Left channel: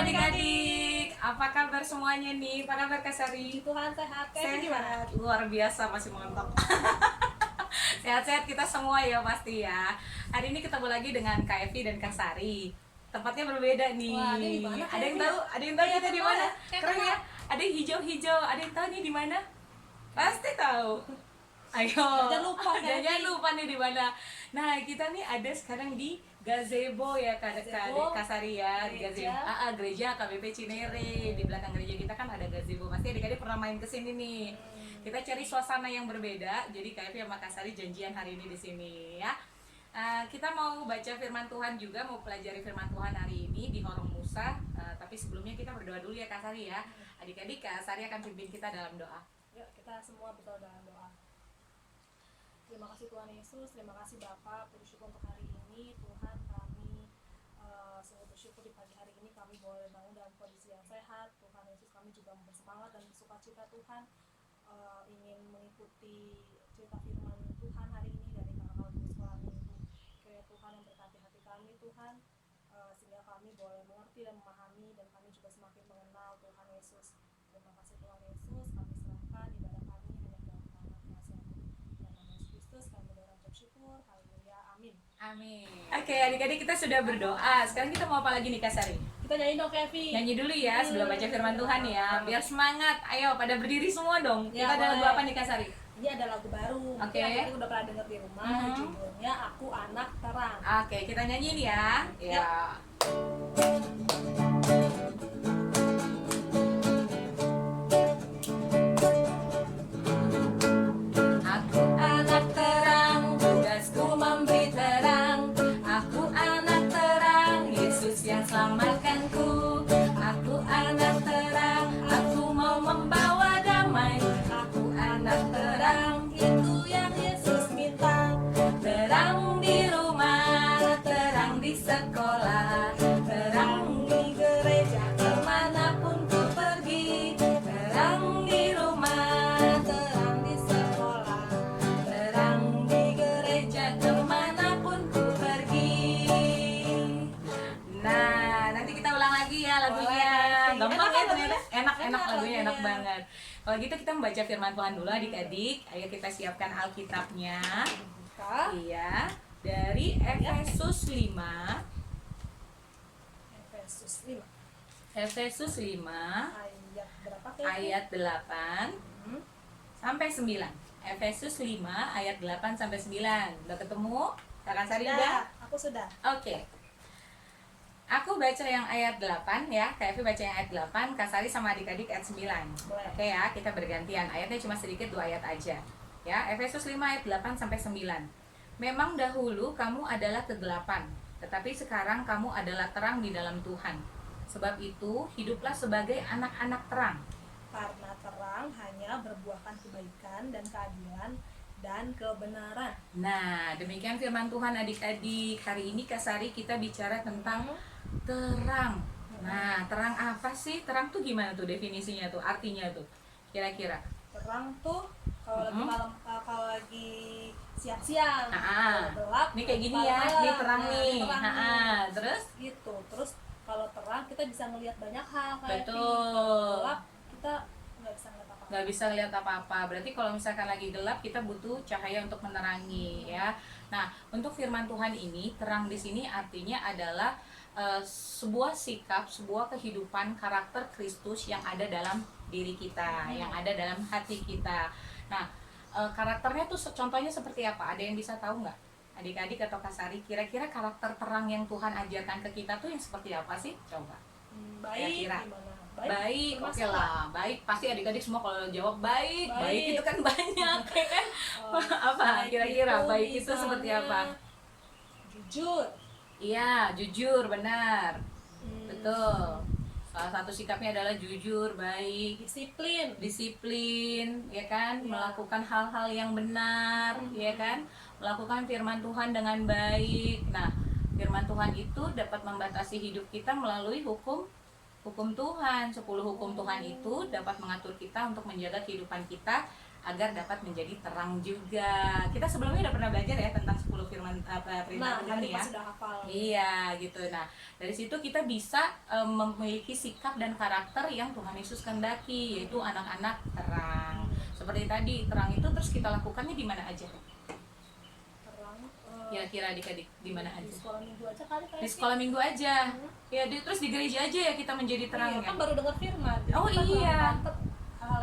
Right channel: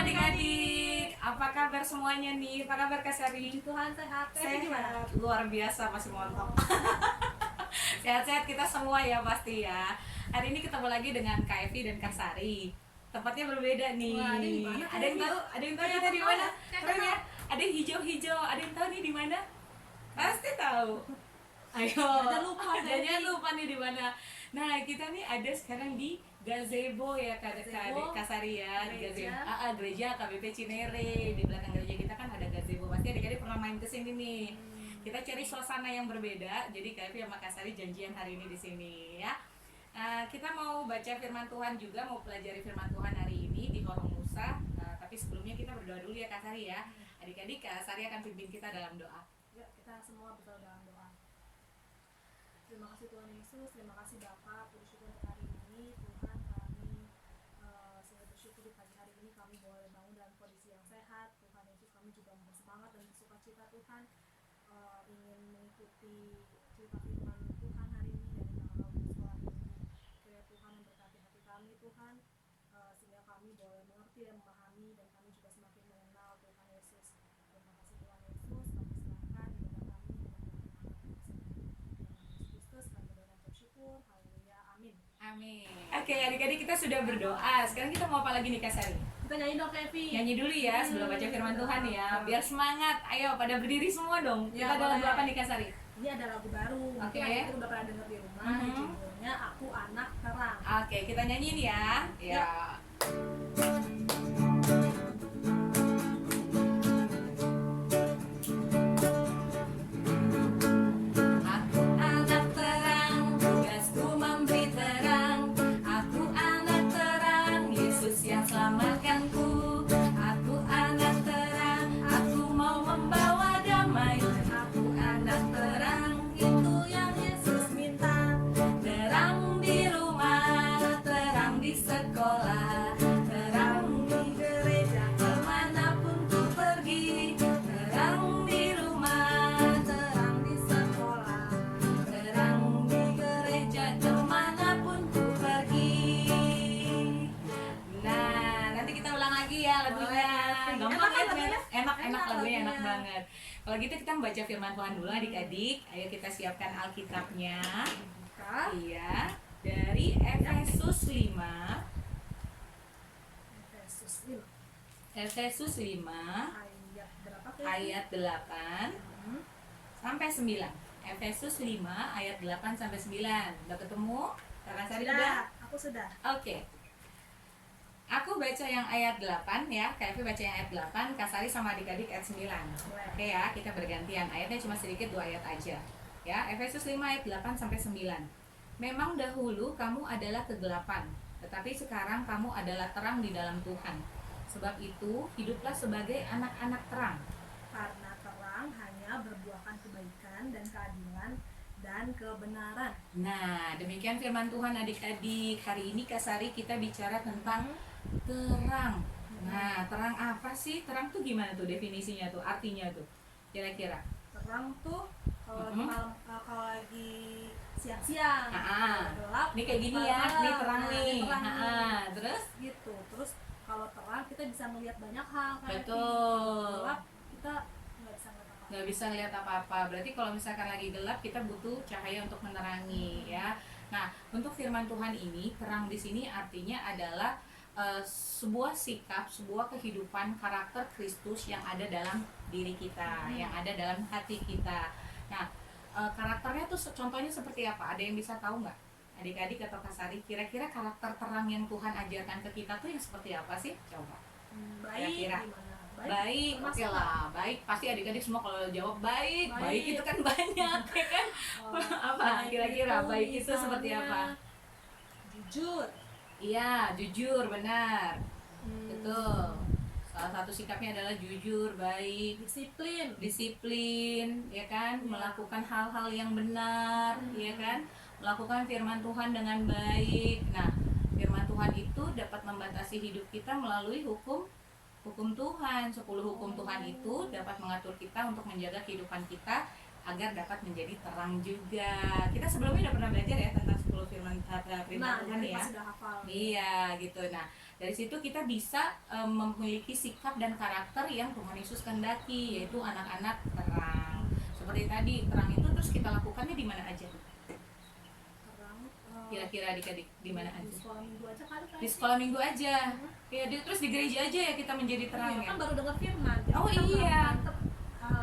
adik-adik, apa kabar semuanya nih? Apa kabar Kak Sari? Tuhan sehat. Sehat, luar biasa, masih montok. Sehat-sehat kita semua ya pasti ya. Hari ini ketemu lagi dengan Kak Evi dan Kak Sari. Tempatnya berbeda nih. Wah, ini di mana, Kak Ada yang Evi? tahu? Ada yang tahu Kayak kita di mana? kayak Keren kenal. ya. Ada yang hijau-hijau. Ada yang tahu nih di mana? Pasti tahu. Ayo. Jangan lupa, Kak Evi. Jangan lupa nih di mana. Nah, kita nih ada sekarang di Gazebo ya Gazebo, Kak Sari ya, di gereja. Gazebo. Gereja KBP Cinere. Di belakang gereja kita kan ada gazebo. Pasti adik-adik pernah main ke sini nih. Kita cari suasana yang berbeda. Jadi Kak Evi sama Kak Sari janjian hari ini di sini ya. Kita mau baca firman Tuhan juga, mau pelajari firman Tuhan hari ini di Horong Musa. Tapi sebelumnya kita berdoa dulu ya Kak Sari ya. Adik-adik, Kak Sari akan pimpin kita dalam doa. Yuk, kita semua berdoa dalam doa. Terima kasih Tuhan Yesus, terima kasih Bapa, puji syukur untuk hari ini. Tuhan, kami sungguh bersyukur di pagi hari ini kami boleh bangun dalam kondisi yang sehat. Tuhan Yesus, kami juga bersemangat dan bersukacita Tuhan, ingin mengikuti cerita firman Tuhan hari ini dari kakak di sekolah minggu. Kiranya Tuhan memberkati hati kami Tuhan, sehingga kami boleh mengerti dan memahami, dan kami juga semakin mengenal Tuhan Yesus. Terima kasih Tuhan Yesus, kami serahkan ibadah kami hanya dalam nama kuasa dan nama Yesus Kristus. Kami berdoa dan bersyukur. Haleluya, amin. Amin. Oke, adik-adik kita sudah berdoa. Sekarang kita mau apa lagi nih Kak Sari? Kita nyanyi dong Kevin. Nyanyi dulu ya sebelum baca firman Tuhan ya. Biar semangat. Ayo pada berdiri semua dong. Ya, Kita ada lagu boleh. apa nih Kak Sari? Ini ada lagu baru. Oke. Kita udah pernah dengar di rumah. Judulnya Aku Anak Terang. Oke, kita nyanyiin ya. Ya. Aku anak terang, tugasku memberi terang. Aku anak terang, Yesus yang selamatkanku. Aku anak terang, aku mau membawa damai. Aku anak terang, itu yang Yesus minta. Terang di rumah, terang di sekolah, terang di gereja, kemanapun ku pergi. Terang di rumah, terang di sekolah, terang di gereja, kemanapun ku pergi. Nah, nanti kita ulang lagi ya lagunya. Boleh. Gampang ya Enak ternyata. Enak Enak lagunya, enak lagunya. banget. Kalau gitu kita membaca firman Tuhan dulu adik-adik. Ayo kita siapkan Alkitabnya. Buka Iya, dari Efesus 5. Efesus 5 Efesus 5 ayat berapa Kevin? ayat 8 sampai 9. Efesus 5 ayat 8 sampai 9. Udah ketemu? Kakak Sari udah? Aku sudah. Oke. Aku baca yang ayat 8 ya, Kak Evi baca yang ayat 8, Kak Sari sama adik-adik ayat 9. Boleh. Oke ya, kita bergantian. Ayatnya cuma sedikit, 2 ayat aja. Ya, Efesus 5 ayat 8 sampai 9. Memang dahulu kamu adalah kegelapan, tetapi sekarang kamu adalah terang di dalam Tuhan. Sebab itu, hiduplah sebagai anak-anak terang. Karena terang hanya berbuahkan kebaikan dan keadilan dan kebenaran. Nah, demikian firman Tuhan adik-adik. Hari ini Kak Sari kita bicara tentang terang. Nah, terang apa sih? Terang tuh gimana tuh definisinya tuh, artinya tuh? Kira-kira. Terang tuh kalau lagi malam, kalau lagi siang-siang, Ah, kalau gelap. Ini kayak gini ya, malam-malam. ini terang Nah, nih. ini terang nih. Terus? Gitu. Terus kalau terang kita bisa melihat banyak hal. Kayak Betul. Kalau gelap kita nggak bisa ngeliat apa-apa. Nggak bisa lihat apa-apa. Berarti kalau misalkan lagi gelap, kita butuh cahaya untuk menerangi ya. Nah, untuk firman Tuhan ini, terang di sini artinya adalah sebuah sikap, sebuah kehidupan karakter Kristus yang ada dalam diri kita, yang ada dalam hati kita. Nah, karakternya tuh contohnya seperti apa? Ada yang bisa tahu nggak? Adik-adik atau Kak Sari, kira-kira karakter terang yang Tuhan ajarkan ke kita tuh yang seperti apa sih? Coba. Baik Kira-kira. gimana? Baik, oke bermasalah. lah. Baik, pasti adik-adik semua kalau jawab baik. Baik. Baik itu kan banyak, ya kan? Oh, Apa? Kira-kira baik itu misalnya seperti apa? Jujur. Iya, jujur, benar. Hmm, Betul. Salah satu sikapnya adalah jujur, baik, Disiplin. disiplin, ya kan? Ya. Melakukan hal-hal yang benar, ya kan? Melakukan firman Tuhan dengan baik. Nah, firman Tuhan itu dapat membatasi hidup kita melalui hukum Tuhan. 10 hukum Tuhan itu dapat mengatur kita untuk menjaga kehidupan kita agar dapat menjadi terang juga. Kita sebelumnya udah pernah belajar ya tentang 10 firman perintah Tuhan ya. Pasti udah hafal. Iya gitu. Nah dari situ kita bisa memiliki sikap dan karakter yang Tuhan Yesus kehendaki, yaitu anak-anak terang. Seperti tadi terang itu terus kita lakukannya di mana aja? Terang. Kira-kira adik-adik di mana aja? Di sekolah minggu aja kali. Di sekolah minggu aja. Ya, terus di gereja aja ya kita menjadi terang Iya, ya. kan baru dengar firman. Oh Kita iya.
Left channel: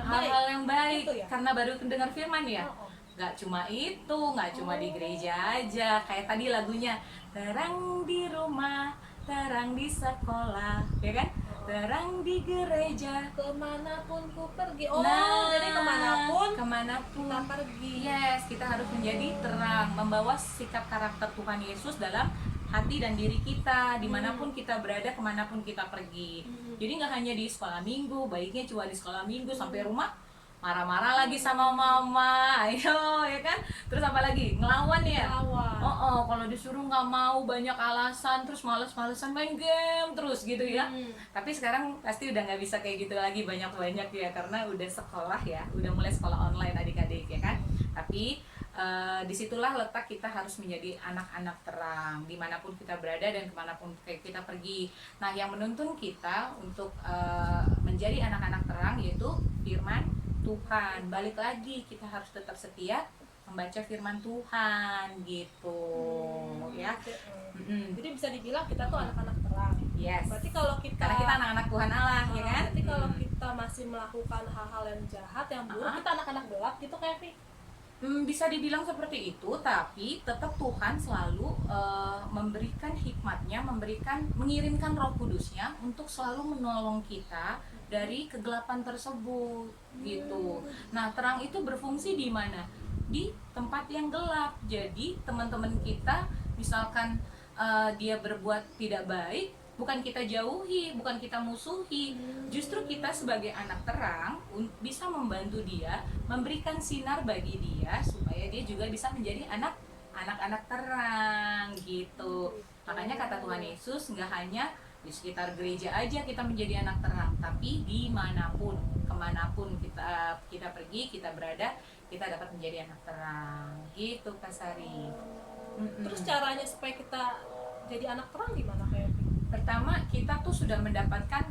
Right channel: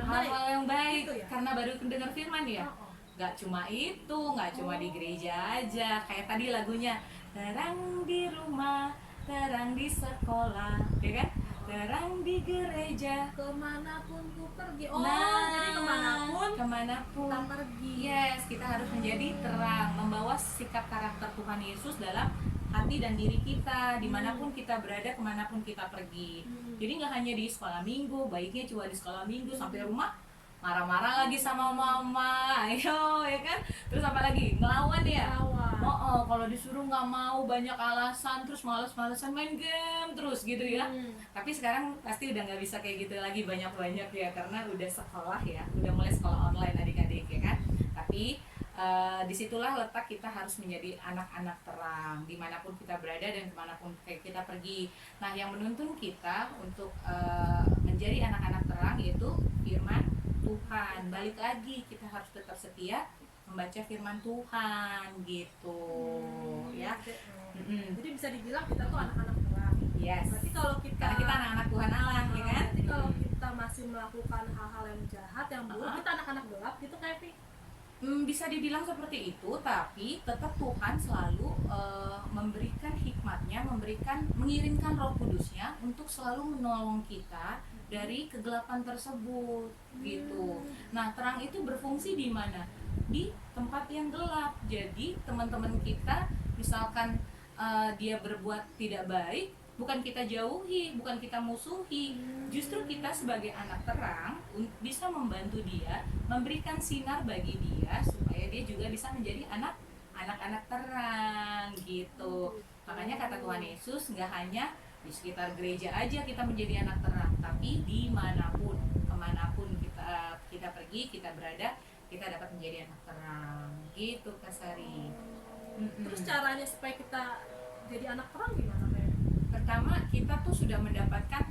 hal-hal yang baik Gitu ya? karena baru dengar firman ya. Oh. Gak cuma itu, gak cuma di gereja aja. Kayak tadi lagunya, terang di rumah, terang di sekolah, ya kan? Terang di gereja, Kemanapun ku pergi. Jadi kemanapun kita pergi. Yes, kita harus menjadi terang, membawa sikap karakter Tuhan Yesus dalam hati dan diri kita, dimanapun kita berada, kemanapun kita pergi. Jadi nggak hanya di sekolah minggu, baiknya cuma di sekolah minggu sampai rumah marah-marah lagi sama mama, ayo ya kan? Terus apa lagi? Ngelawan ya? Kalau disuruh nggak mau, banyak alasan, terus males-malesan main game terus gitu ya. Tapi sekarang pasti udah nggak bisa kayak gitu lagi, banyak-banyak ya, karena udah sekolah ya, udah mulai sekolah online adik-adik ya kan. Tapi disitulah letak kita harus menjadi anak-anak terang dimanapun kita berada dan kemanapun kita pergi. Nah yang menuntun kita untuk menjadi anak-anak terang yaitu firman Tuhan. Balik lagi kita harus tetap setia membaca firman Tuhan gitu ya. Jadi bisa dibilang kita tuh anak-anak terang. Yes. Berarti kalau karena kita anak-anak Tuhan Allah ya kan. Berarti kalau kita masih melakukan hal-hal yang jahat, yang buruk, kita anak-anak gelap gitu kayak Vi. Bisa dibilang seperti itu, tapi tetap Tuhan selalu memberikan hikmatnya, mengirimkan Roh Kudusnya untuk selalu menolong kita dari kegelapan tersebut gitu. Nah, terang itu berfungsi di mana? Di tempat yang gelap. Jadi, teman-teman kita misalkan dia berbuat tidak baik, bukan kita jauhi, bukan kita musuhi. Justru kita sebagai anak terang bisa membantu dia, memberikan sinar bagi dia supaya dia juga bisa menjadi anak-anak terang gitu. Makanya kata Tuhan Yesus, nggak hanya di sekitar gereja aja kita menjadi anak terang, tapi dimanapun, kemanapun kita pergi, kita berada, kita dapat menjadi anak terang gitu Kak Sari. Terus caranya supaya kita jadi anak terang gimana kayak? Pertama, kita tuh sudah mendapatkan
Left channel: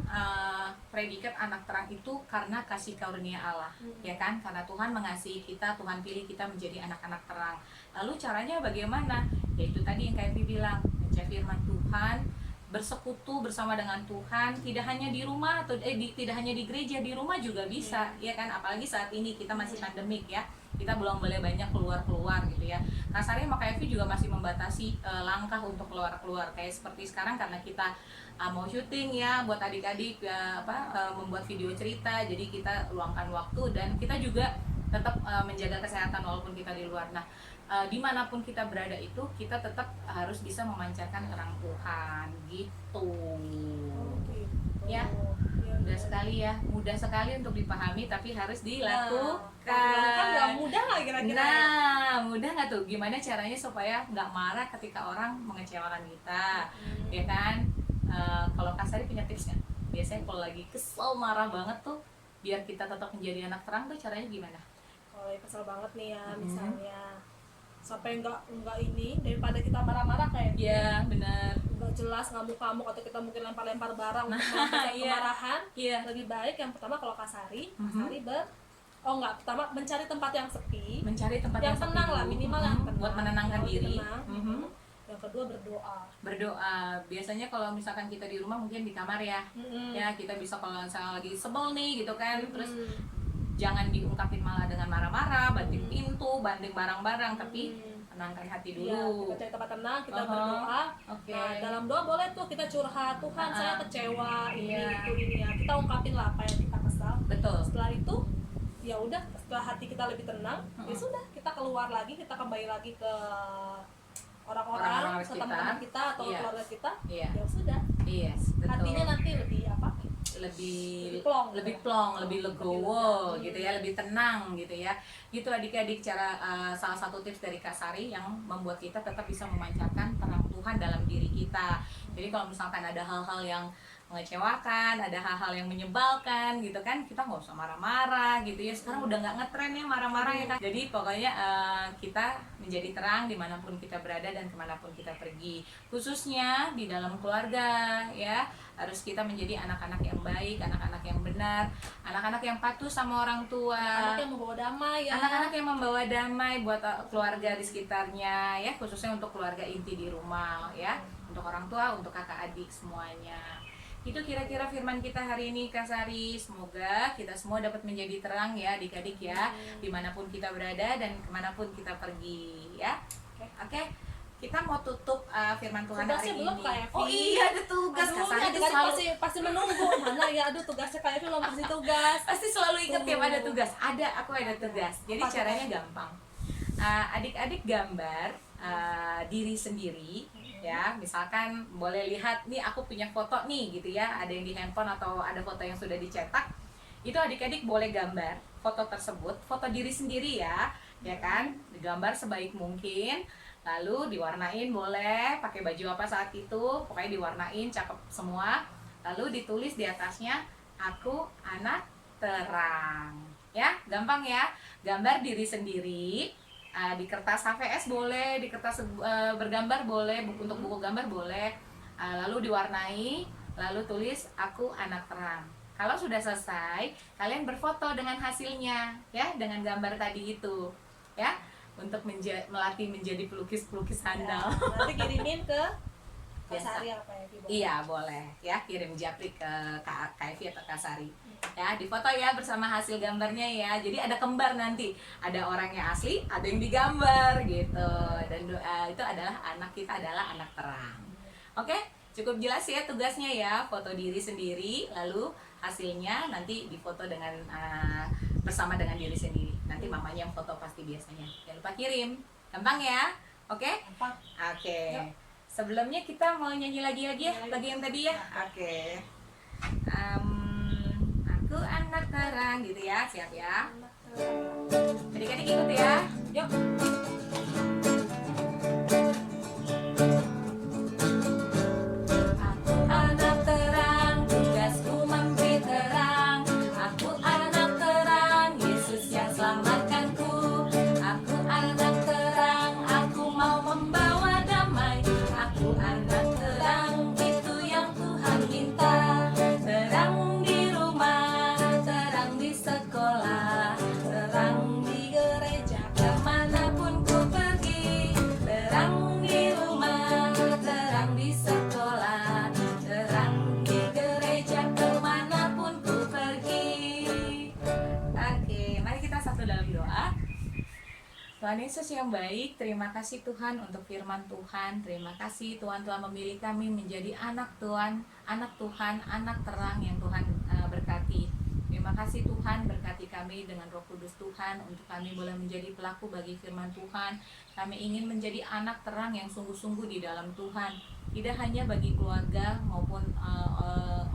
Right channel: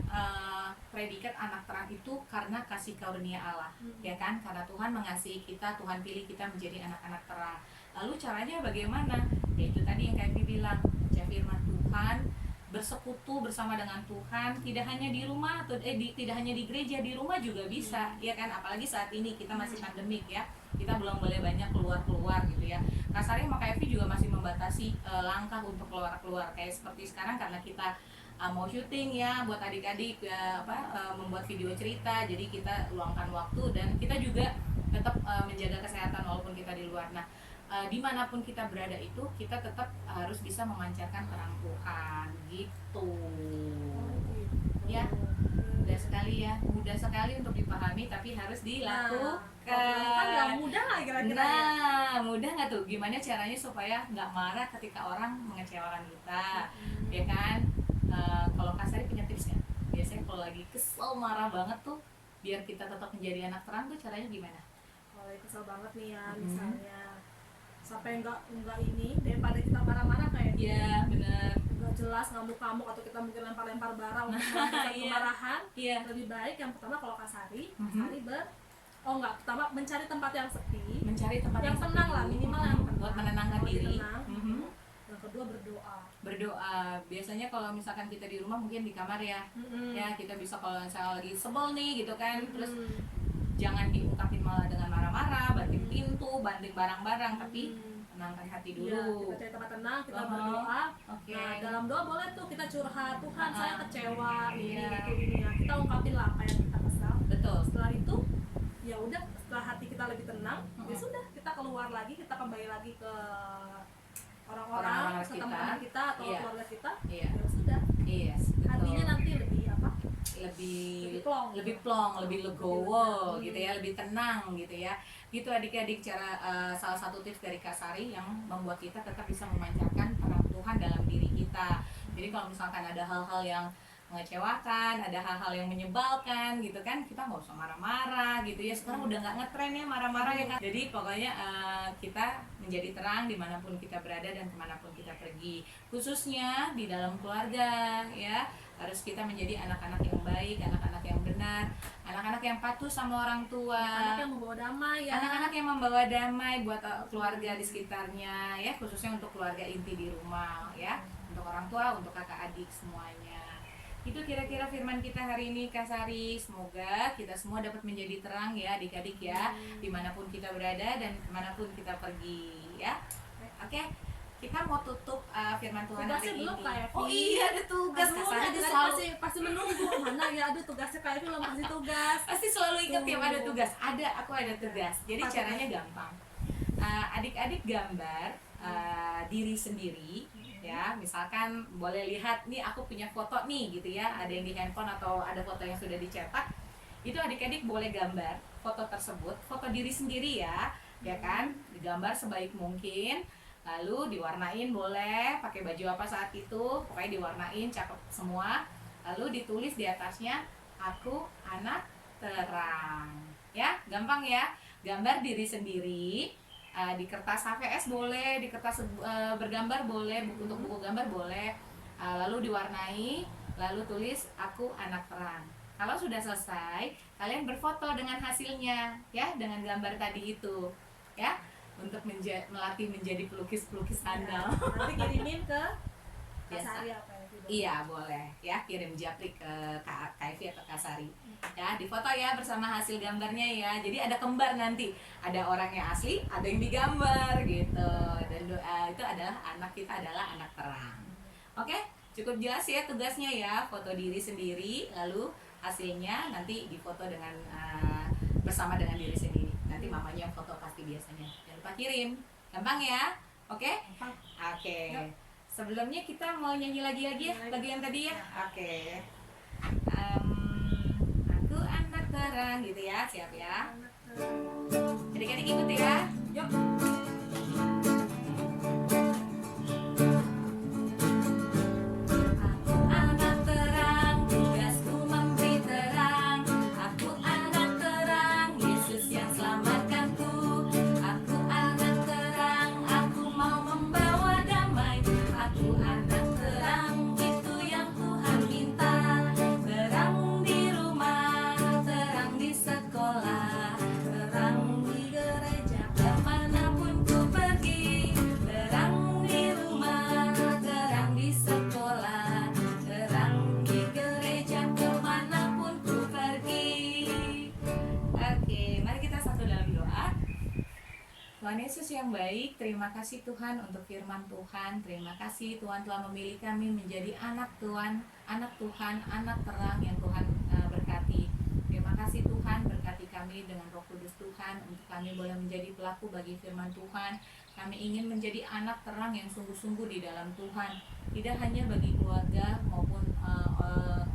predikat anak terang itu karena kasih karunia Allah, ya kan? Karena Tuhan mengasihi kita, Tuhan pilih kita menjadi anak-anak terang. Lalu caranya bagaimana? Yaitu tadi yang kayak bilang, baca firman Tuhan, bersekutu bersama dengan Tuhan, tidak hanya di rumah atau tidak hanya di gereja, di rumah juga bisa, ya kan? Apalagi saat ini kita masih pandemik ya, kita belum boleh banyak keluar gitu ya. Kasarnya sama kayak Evi juga masih membatasi langkah untuk keluar kayak seperti sekarang karena kita mau syuting ya buat adik-adik membuat video cerita, jadi kita luangkan waktu dan kita juga tetap menjaga kesehatan walaupun kita di luar. Nah dimanapun kita berada itu kita tetap harus bisa memancarkan terang Tuhan gitu. Ya mudah sekali untuk dipahami tapi harus dilakukan. Kan nggak mudah lah kira-kira. Mudah nggak tuh? Gimana caranya supaya nggak marah ketika orang mengecewakan kita, ya kan? Kalau Kak Sari punya tips nggak? Biasanya kalau lagi kesel marah banget tuh, biar kita tetap menjadi anak terang tuh caranya gimana? Kalau kesel banget nih ya, misalnya sampai nggak ini daripada kita marah-marah kayak ya benar nggak jelas ngamuk-ngamuk atau kita mungkin lempar-lempar barang untuk kemarahan. Lebih baik yang pertama kalau Kasari pertama mencari tempat yang sepi, yang tenang lah, minimal yang tenang buat menenangkan diri. Yang kedua berdoa. Biasanya kalau misalkan kita di rumah mungkin di kamar ya, ya kita bisa kalau misalnya lagi sebel nih gitu kan, terus jangan diungkapin malah dengan marah-marah, banting pintu, banting barang-barang, tapi tenangkan hati dulu. Ya, kita cari tempat tenang, kita berdoa. Nah, dalam doa boleh tuh kita curhat, Tuhan saya kecewa, ini ya. Kita ungkapin lah apa yang kita kesal. Betul. Setelah itu, ya udah, setelah hati kita lebih tenang, ya sudah, kita keluar lagi, kita kembali lagi ke orang-orang, ke teman-teman kita atau ke keluarga kita. Ya sudah. Betul. Hatinya nanti lebih plong, lebih legowo gitu ya, lebih tenang gitu ya. Gitu adik-adik cara salah satu tips dari Kak Sari yang membuat kita tetap bisa memancarkan terang Tuhan dalam diri kita. Jadi kalau misalkan ada hal-hal yang mengecewakan, ada hal-hal yang menyebalkan gitu kan, kita nggak usah marah-marah gitu ya. Sekarang udah nggak ngetren ya marah-marah ya kan. Jadi pokoknya kita menjadi terang dimanapun kita berada dan kemanapun kita pergi, khususnya di dalam keluarga ya. Harus kita menjadi anak-anak yang baik, anak-anak yang benar, anak-anak yang patuh sama orang tua, anak yang membawa damai ya, anak-anak yang membawa damai buat keluarga di sekitarnya ya, khususnya untuk keluarga inti di rumah ya, untuk orang tua, untuk kakak adik semuanya. Itu kira-kira firman kita hari ini Kak Sari. Semoga kita semua dapat menjadi terang ya adik-adik ya, dimanapun kita berada dan kemanapun kita pergi ya. Oke, kita mau tutup firman Tuhan hari tugasnya belum ini. Kak Evi. Oh iya, ada tugas. Kak Sari itu selalu pasti menunggu mana ya, aduh tugasnya Kak Evi belum kasih tugas. Pasti selalu ingat tiap ada tugas. Aku ada tugas. Jadi caranya gampang. Adik-adik gambar diri sendiri ya. Misalkan boleh lihat nih, aku punya foto nih gitu ya, ada yang di handphone atau ada foto yang sudah dicetak. Itu adik-adik boleh gambar foto tersebut, foto diri sendiri ya kan, digambar sebaik mungkin. Lalu diwarnain, boleh pakai baju apa saat itu, pokoknya diwarnain cakep semua. Lalu ditulis di atasnya, aku anak terang ya. Gampang ya, gambar diri sendiri. Di kertas HVS boleh, di kertas bergambar boleh, untuk buku gambar boleh. Lalu diwarnai, lalu tulis aku anak terang. Kalau sudah selesai, kalian berfoto dengan hasilnya ya, dengan gambar tadi itu ya, untuk melatih menjadi pelukis-pelukis handal. Nanti kirimin ke Kak Biasa. Sari apa ya? Iya boleh ya, kirim japri ke Kak Evi atau Kak Sari ya, difoto ya bersama hasil gambarnya ya. Jadi ada kembar nanti, ada orang yang asli, ada yang digambar gitu. Dan itu adalah anak kita adalah anak terang. Oke, cukup jelas ya tugasnya ya, foto diri sendiri, lalu hasilnya nanti difoto dengan bersama dengan diri sendiri. Nanti mamanya yang foto pasti biasanya. Jangan lupa kirim, gampang ya. Oke? Gampang. Oke. Yuk. Sebelumnya kita mau nyanyi lagi ya, lagu yang tadi ya. Oke. Aku anak terang gitu ya, siap ya. Anak terang. Adik-adik ikut ya. Yuk. Aku anak terang, tugasku memberi terang. Aku anak terang, Yesus yang selamatkanku. Aku anak terang, aku mau membawa damai. Aku anak terang, itu yang Tuhan minta. Terang di rumah, terang di sekolah, terang di gereja, kemanapun ku pergi. Terang di rumah, terang di sekolah, terang di gereja, kemanapun ku pergi. Oke, mari kita satu dalam doa. Tuhan Yesus yang baik, terima kasih Tuhan untuk firman Tuhan. Terima kasih Tuhan telah memilih kami menjadi anak Tuhan, anak terang yang Tuhan berkati. Terima kasih Tuhan, berkati kami dengan Roh Kudus Tuhan, untuk kami boleh menjadi pelaku bagi firman Tuhan. Kami ingin menjadi anak terang yang sungguh-sungguh di dalam Tuhan, tidak hanya bagi keluarga maupun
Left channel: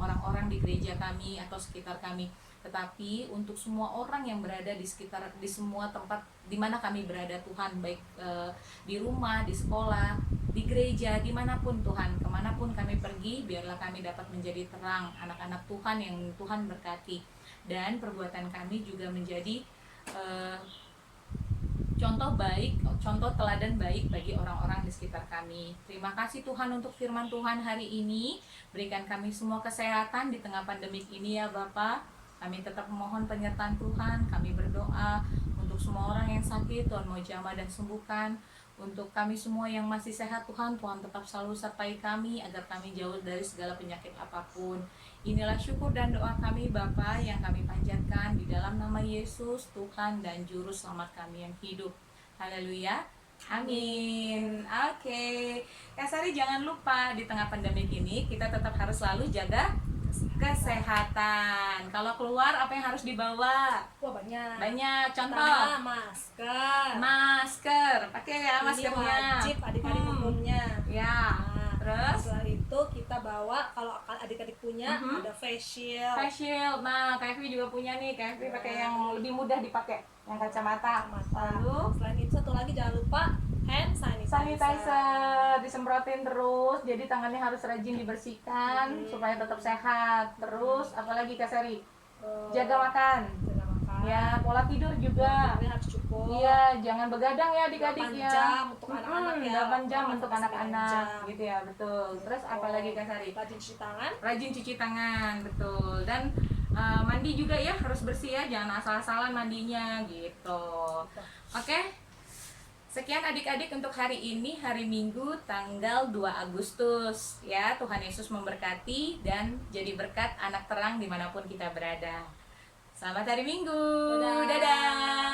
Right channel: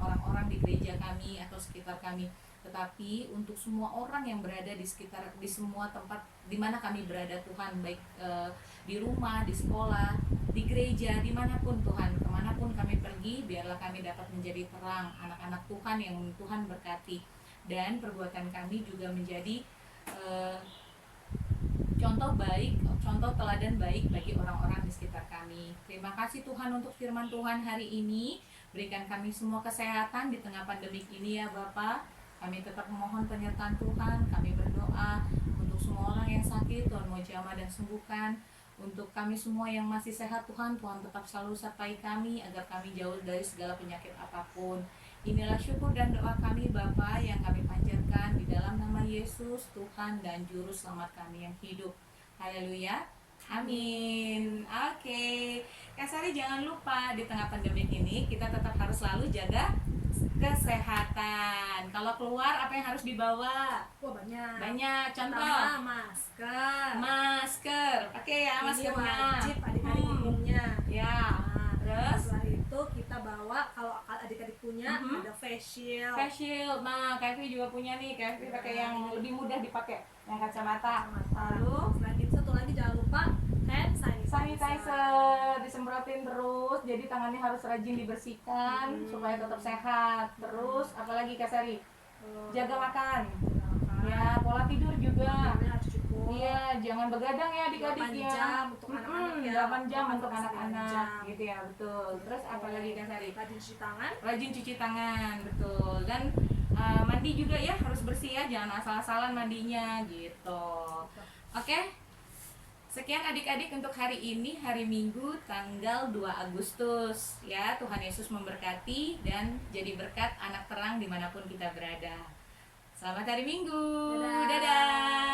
orang-orang di gereja kami atau sekitar kami, tetapi untuk semua orang yang berada di sekitar, di semua tempat di mana kami berada Tuhan, baik di rumah, di sekolah, di gereja, dimanapun Tuhan, kemanapun kami pergi, biarlah kami dapat menjadi terang, anak-anak Tuhan yang Tuhan berkati, dan perbuatan kami juga menjadi contoh baik, contoh teladan baik bagi orang-orang di sekitar kami. Terima kasih Tuhan untuk firman Tuhan hari ini. Berikan kami semua kesehatan di tengah pandemik ini ya Bapa. Kami tetap memohon penyertaan Tuhan. Kami berdoa untuk semua orang yang sakit, Tuhan mau jamah dan sembuhkan. Untuk kami semua yang masih sehat Tuhan, Tuhan tetap selalu sertai kami agar kami jauh dari segala penyakit apapun. Inilah syukur dan doa kami Bapa yang kami panjatkan di dalam nama Yesus, Tuhan dan Juru Selamat kami yang hidup. Haleluya. Amin. Oke. Kak Sari, jangan lupa di tengah pandemi ini kita tetap harus selalu jaga kesehatan. Kalau keluar apa yang harus dibawa? Wah banyak. Banyak. Contoh. Pertama, masker. Masker. Pakai ya Ini maskernya. wajib adik-adik umumnya. Ya. Nah, Terus setelah itu kita bawa, kalau adik-adik punya ada face shield. face shield. Nah, Kak Evi juga punya nih. Kak Evi pakai yang lebih mudah dipakai, yang kacamata. Lalu Selain itu satu lagi jangan lupa hand sanitizer disemprotin terus, jadi tangannya harus rajin dibersihkan supaya tetap sehat. Terus apalagi Kak Sari? Jaga makan. Ya, pola tidur juga. Tidurnya harus cukup. Iya, jangan begadang ya adik-adik 8 ya. jam untuk anak-anak ya. 8 jam untuk 8 anak-anak jam. gitu ya, betul. Terus apalagi Kak Sari? Rajin cuci tangan. Rajin cuci tangan, betul. Dan mandi juga ya, harus bersih ya, jangan asal-asalan mandinya gitu. Oke. Sekian adik-adik untuk hari ini, hari Minggu tanggal 2 Agustus ya. Tuhan Yesus memberkati dan jadi berkat anak terang dimanapun kita berada. Selamat hari Minggu. Dadah. Dadah.